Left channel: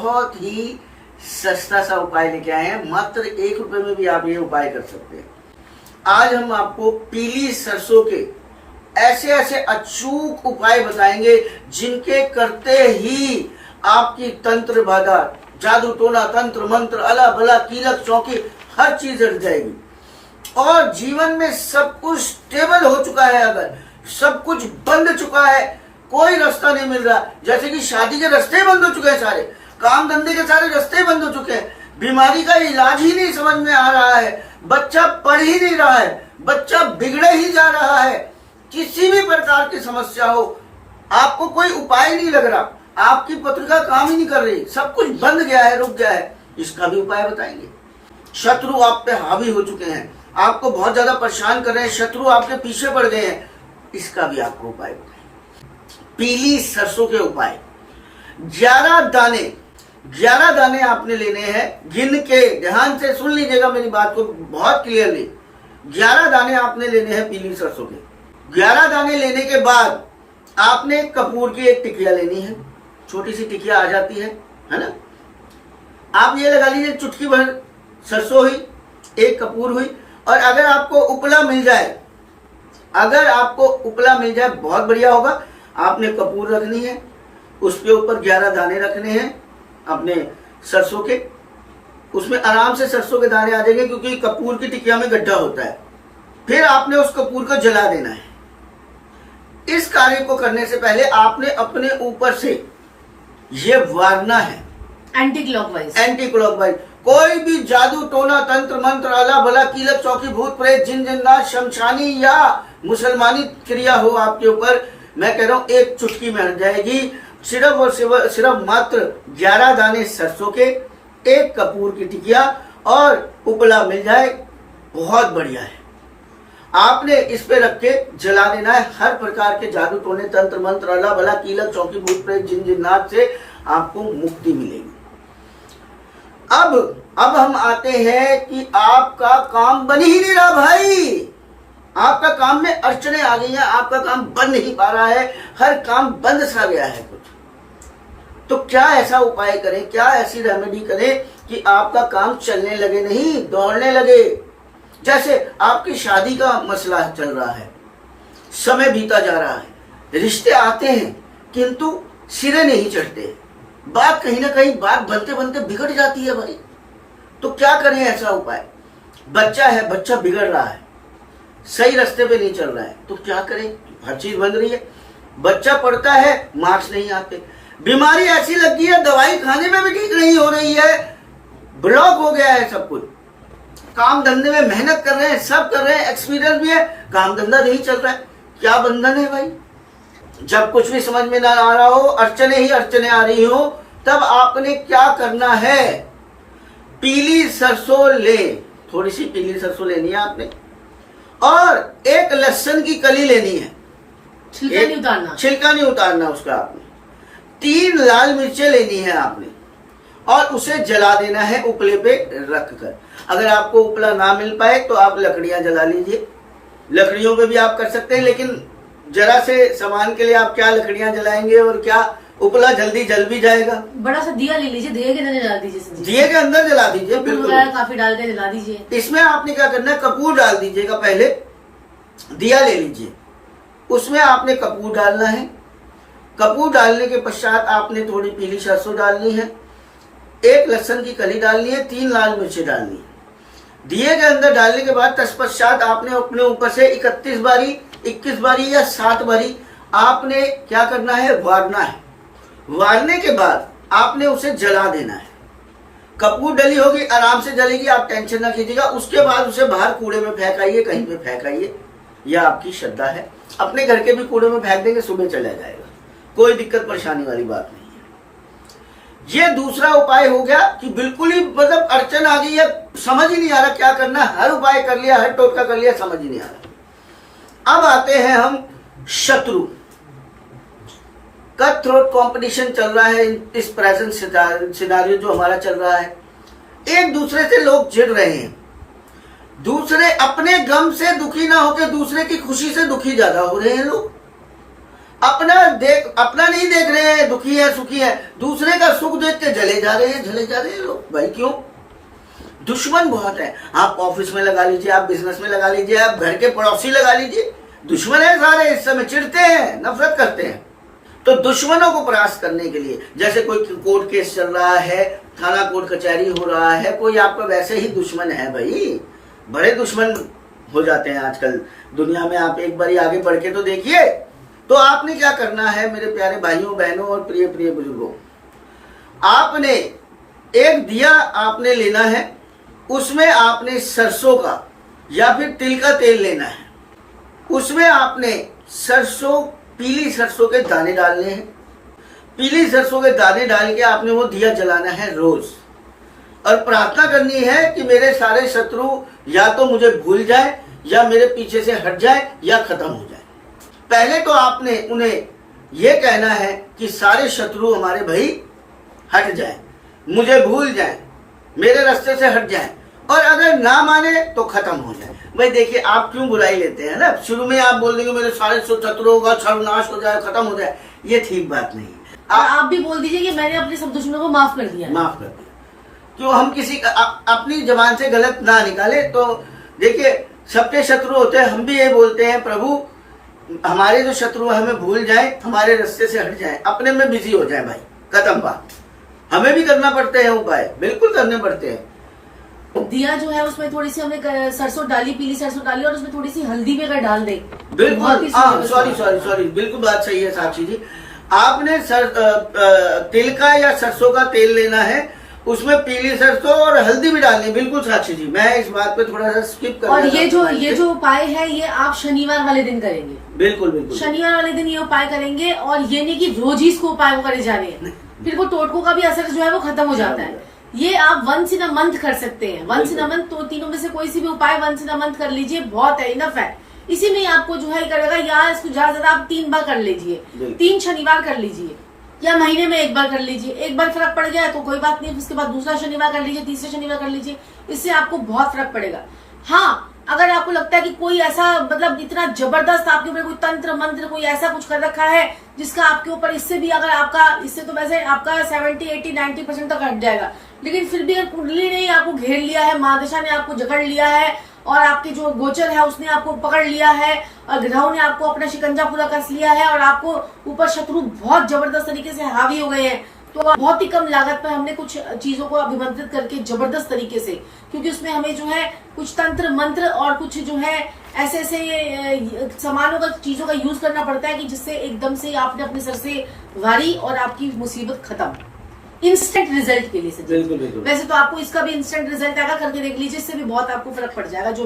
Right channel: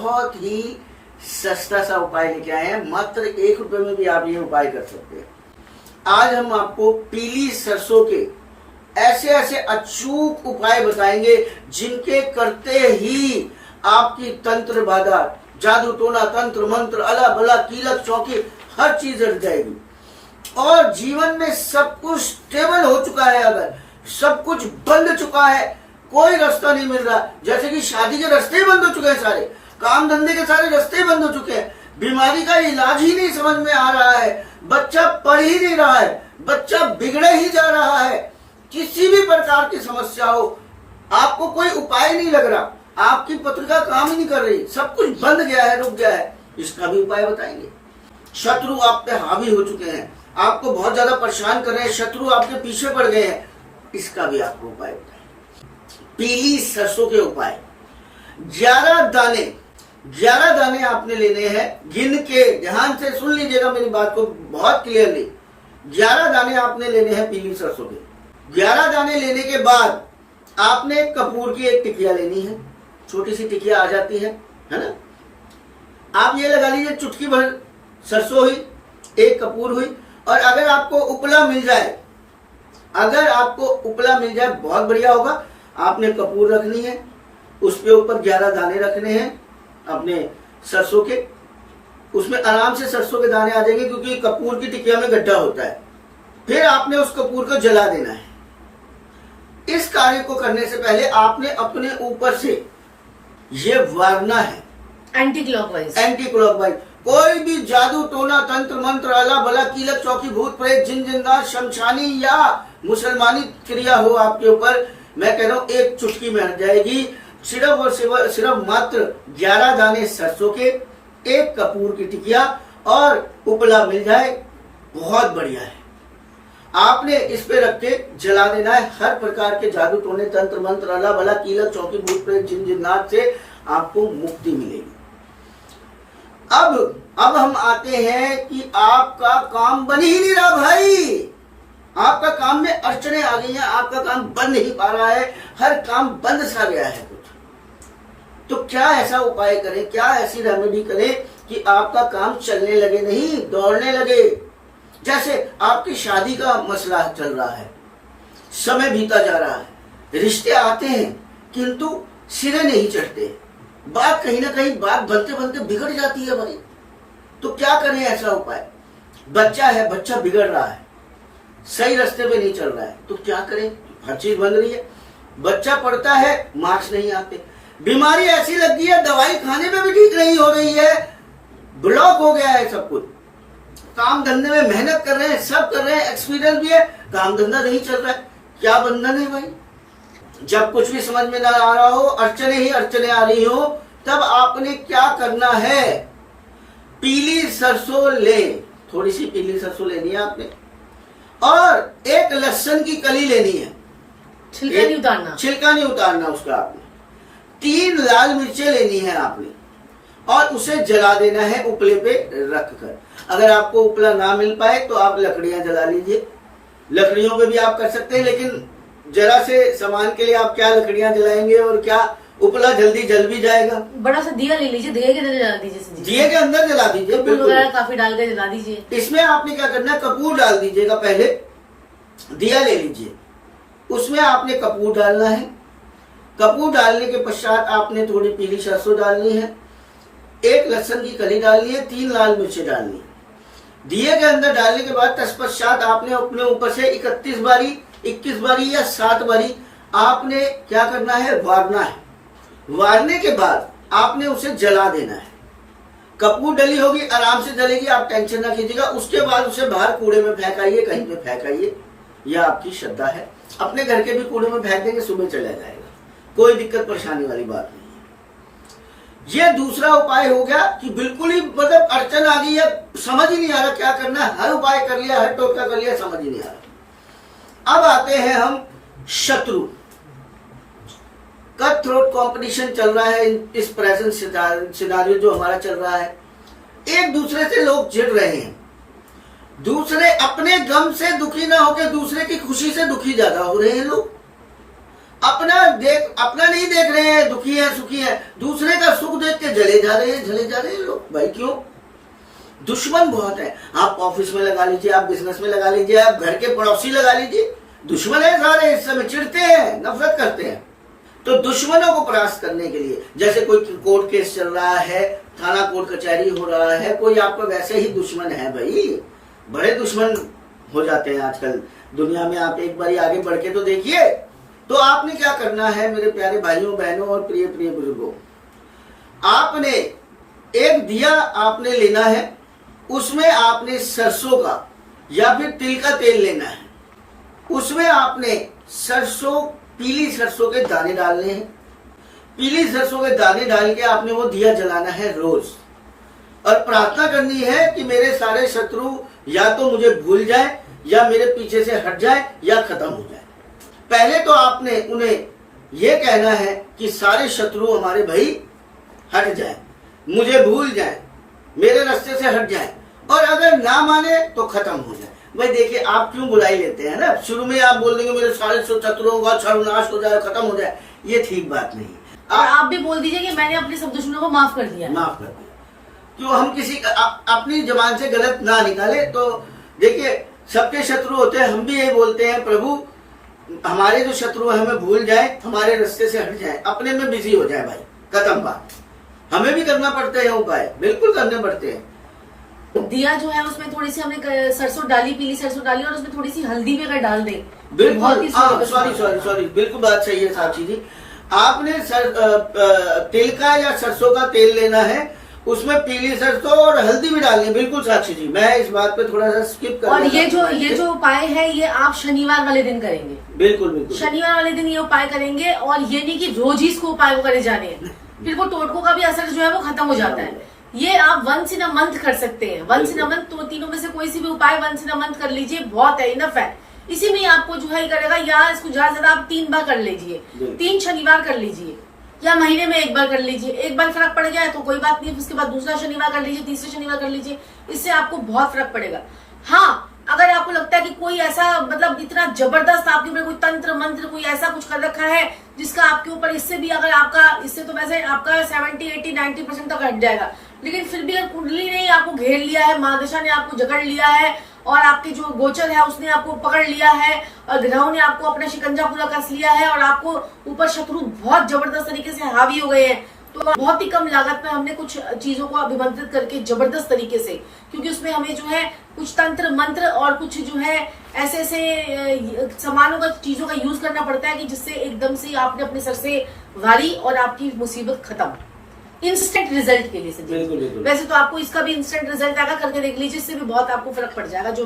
बहुत ही सस्ता सा उपाय लेके आए हैं। मात्र 1 रुपए में भी आप ये उपाय कर सकते हैं। आज हम आपको पीली सरसों के ऐसे ऐसे अचूक उपाय बताएंगे जिनके करते ही आपकी तंत्र बाधा, जादू टोना, तंत्र मंत्र, अला बला, कीलक चौकी हर चीज हट जाएगी और जीवन में सब कुछ स्टेबल हो चुका है। अगर सब कुछ बंद चुका है, कोई रास्ता नहीं मिल रहा, जैसे कि शादी के रास्ते बंद हो चुके हैं, सारे काम धंधे के सारे रास्ते बंद हो चुके हैं, बीमारी का इलाज ही नहीं समझ में आ रहा है, बच्चा पढ़ ही नहीं रहा है, बच्चा बिगड़े ही जा रहा है, किसी भी प्रकार की समस्या हो, आपको कोई उपाय नहीं लग रहा, आपकी पत्रिका काम ही नहीं कर रही, सब कुछ बंद गया है, रुक गया है, इसका भी उपाय बताएंगे। शत्रु आप पे हावी हो चुके हैं, आपको बहुत ज्यादा परेशान कर रहे हैं, शत्रु आपके पीछे पड़ गए हैं, इसका भी आपको उपाय बताएंगे। पीली सरसों के उपाय, 11 दाने आपने लेने हैं, गिन के ध्यान से सुन लीजिएगा मेरी बात को बहुत क्लियरली। 11 दाने आपने लेने हैं पीली सरसों के। 11 दाने लेने के बाद आपने कपूर की एक टिकिया लेनी है, छोटी सी टिकिया आ जाती है ना। आप ये लगा लीजिए चुटकी भर सरसों हुई, एक कपूर हुई, और अगर आपको उपला मिल जाए, बहुत बढ़िया होगा। आपने कपूर रखनी है, उसके ऊपर 11 दाने रखने हैं अपने सरसों के, उसमें आराम से सरसों के दाने आ जाएंगे क्योंकि कपूर की टिकिया में गड्ढा होता है। फिर आपने उस कपूर को जला देना है। इस कार्य को करने से पहले आपने अपने ऊपर से ये वारना है एंटी क्लॉकवाइज। कोई भी जादू टोना, तंत्र मंत्र, अला बला, कीलक चौकी, भूत प्रेत, जिन जिन्नात, शमशानी या मुसलमानी क्रिया हो आपके ऊपर, मैं कह रहा हूं एक चुटकी में हट जाएगी। सिर्फ और सिर्फ मात्र 11 दाने सरसों के, एक कपूर की टिकिया और उपला मिल जाए, बहुत बढ़िया है। आपने इस पे रख के जला देना है। हर प्रकार के जादू टोने, तंत्र मंत्र, अला बला, कीलक चौकी, भूत प्रेत, जिन जिन्नात से आपको मुक्ति मिलेगी। अब हम आते हैं कि आपका काम बन ही नहीं रहा भाई, आपका काम में अड़चने आ गई हैं, आपका काम बन नहीं पा रहा है, हर काम बंद सा गया है कुछ। तो क्या ऐसा उपाय करें, क्या ऐसी रेमेडी करें कि आपका काम चलने लगे, नहीं दौड़ने लगे। जैसे आपकी शादी का मसला चल रहा है, समय बीता जा रहा है, रिश्ते आते हैं किंतु सिरे नहीं चढ़ते, बात कहीं ना कहीं बात बनते बनते बिगड़ जाती है भाई। तो क्या करें ऐसा उपाय? बच्चा है, बच्चा बिगड़ रहा है, सही रास्ते पे नहीं चल रहा है, तो क्या करें? हर चीज बंद रही है, बच्चा पढ़ता है, मार्क्स नहीं आते, बीमारी ऐसी लग गई है, दवाई खाने में भी ठीक नहीं हो रही है, ब्लॉक हो गया है सब कुछ, काम धंधे में मेहनत कर रहे हैं, सब कर रहे हैं, एक्सपीरियंस भी है, काम धंधा नहीं चल रहा है, क्या बंधन है भाई? जब कुछ भी समझ में ना आ रहा हो, अड़चने ही अड़चने आ रही हो, तब आपने क्या करना है? पीली सरसों ले, थोड़ी सी पीली सरसों लेनी है आपने, और एक लहसुन की कली लेनी है, छिलका नहीं उतारना उसका आपने। 3 लाल मिर्चें लेनी है आपने और उसे जला देना है उपले पे रख कर। अगर आपको उपला ना मिल पाए तो आप लकड़ियां जला लीजिए, लकड़ियों पे भी आप कर सकते हैं, लेकिन जरा से सामान के लिए आप क्या लकड़ियां जलाएंगे और क्या उपला जल्दी जल भी जाएगा। बड़ा सा दिया ले लीजिए, दिए के अंदर जला दीजिए, दिए के अंदर जला दीजिए, बिल्कुल काफी डाल के जला दीजिए। इसमें आपने क्या करना है, कपूर डाल दीजिएगा, पहले दिया ले लीजिए, उसमें आपने कपूर डालना है। कपूर डालने के पश्चात आपने थोड़ी पीली सरसों डालनी है, एक लहसुन की कली डालनी है, 3 लाल मिर्चें डालनी है। दिए के अंदर डालने के बाद तत्पश्चात आपने अपने ऊपर से 21 बारी या 7 बारी आपने क्या करना है, वारना है। वारने के बाद आपने उसे जला देना है। कपूर डली होगी, आराम से जलेगी, आप टेंशन ना कीजिएगा। उसके बाद उसे बाहर कूड़े में फेंक आइए, कहीं पे फेंक आइए, यह आपकी श्रद्धा है। अपने घर के भी कूड़े में फेंक देंगे, सुबह चला जाएगा, कोई दिक्कत परेशानी वाली बात नहीं है। ये दूसरा उपाय हो गया कि बिल्कुल ही मतलब अड़चन आ गई है, समझ ही नहीं आ रहा क्या करना, हर उपाय कर लिया, हर टोटका कर लिया, समझ ही नहीं आ रहा। अब आते हैं हम शत्रु। कट थ्रोट कंपटीशन चल रहा है, इस प्रेजेंट सिनारियो जो हमारा चल रहा है, एक दूसरे से लोग चिढ़ रहे हैं, दूसरे अपने गम से दुखी ना होकर दूसरे की खुशी से दुखी ज्यादा हो रहे हैं लोग। अपना नहीं देख रहे हैं, दुखी है सुखी है, दूसरे का सुख देख के जले जा रहे हैं लोग। भाई क्यों? दुश्मन बहुत है। आप ऑफिस में लगा लीजिए, आप बिजनेस में लगा लीजिए, आप घर के पड़ोसी लगा लीजिए, दुश्मन है सारे। इस समय चिढ़ते हैं, नफरत करते हैं। तो दुश्मनों को परास्त करने के लिए, जैसे कोई कोर्ट केस चल रहा है, थाना कोर्ट कचहरी हो रहा है, कोई आपका वैसे ही दुश्मन है भाई। बड़े दुश्मन हो जाते हैं आजकल दुनिया में। आप एक बार आगे बढ़ के तो देखिए। तो आपने क्या करना है मेरे प्यारे भाइयों बहनों और प्रिय प्रिय बुजुर्गों, आपने एक दिया आपने लेना है, उसमें आपने सरसों का या फिर तिल का तेल लेना है। उसमें आपने सरसों, पीली सरसों के दाने डालने हैं। पीली सरसों के दाने डाल के आपने वो दिया जलाना है रोज, और प्रार्थना करनी है कि मेरे सारे शत्रु या तो मुझे भूल जाए, या मेरे पीछे से हट जाए, या खत्म हो जाए। पहले तो आपने उन्हें यह कहना है कि सारे शत्रु हमारे भाई हट जाए, मुझे भूल जाए, मेरे रास्ते से हट जाए, और अगर ना माने तो खत्म हो जाए। भाई देखिए, आप क्यों बुराई लेते हैं ना, शुरू में आप बोल देंगे मेरे सारे शत्रुओं का सर्वनाश हो जाए, खत्म हो जाए, ये ठीक बात नहीं है। और आप भी बोल दीजिए कि मैंने अपने सब दुश्मनों को माफ कर दिया। माफ कर दिया। तो हम किसी अपनी जबान से गलत ना निकाले। तो देखिए, सबके शत्रु होते हैं। हम भी ये बोलते हैं, प्रभु हमारे जो शत्रु है हमें भूल जाए, हमारे रास्ते से हट जाए, अपने में बिजी हो जाए। भाई खत्म बात। हमें भी करना पड़ते हैं उपाय, बिल्कुल करने पड़ते हैं। दिया जो है उसमें थोड़ी सी हमने सरसों डाली, पीली सरसों डाली, और उसमें थोड़ी सी हल्दी भी अगर डाल दें बिल्कुल। सॉरी, बिल्कुल बात सही है साक्षी जी। आपने तिल का या सरसों का तेल लेना है, उसमें पीली सरसों और हल्दी भी डालनी है। बिल्कुल साक्षी जी, मैं इस बात पे थोड़ा सा स्किप कर। और ये जो उपाय है ये आप शनिवार वाले दिन करेंगे। बिल्कुल शनिवार वाले दिन ये उपाय करेंगे, और ये नहीं कि रोज ही इसको उपाय को करे जाने हैं, फिर वो टोटकों का भी असर जो है वो खत्म हो जाता है। ये आप वंस इन अ मंथ कर सकते हैं। वंस इन अ मंथ, तो तीनों में से कोई सी भी उपाय वंस इन अ मंथ कर लीजिए, बहुत है, इनफ है। इसी में आपको जो है करेगा, या इसको ज्यादा ज्यादा आप 3 बार कर लीजिए, 3 शनिवार कर लीजिए, या महीने में 1 बार कर लीजिए। एक बार फर्क पड़ जाए तो कोई बात नहीं, उसके बाद दूसरा शनिवार कर लीजिए, तीसरा शनिवार कर लीजिए, इससे आपको बहुत फर्क पड़ेगा। हाँ, अगर आपको लगता है कि कोई ऐसा मतलब इतना जबरदस्त आपके ऊपर कोई तंत्र मंत्र कोई ऐसा कुछ कर रखा है जिसका आपके ऊपर, इससे भी अगर आपका, इससे तो वैसे आपका 70, 80, 90% तक हट जाएगा, लेकिन फिर भी अगर कुंडली ने आपको घेर लिया है, महादशा ने आपको जकड़ लिया है, और आपके जो गोचर है उसने आपको पकड़ लिया है, और ग्रहों ने आपको अपना शिकंजा पूरा कस लिया है, और आपको ऊपर शत्रु बहुत जबरदस्त तरीके से हावी हो गए हैं, तो बहुत ही कम लागत में हमने कुछ चीजों को अभिमंत्रित करके जबरदस्त तरीके से, क्योंकि उसमें हमें जो है कुछ तंत्र मंत्र और कुछ जो है ऐसे ऐसे सामानों का, चीजों का यूज करना पड़ता है कि जिससे एकदम से आपने अपने सर से वारी और आपकी मुसीबत खत्म, इंस्टेंट रिजल्ट के लिए से। बिल्कुल। वैसे तो आपको इसका भी इंस्टेंट रिजल्ट आएगा, करके देख लीजिए, इससे भी बहुत आपको फर्क पड़ जाएगा। जो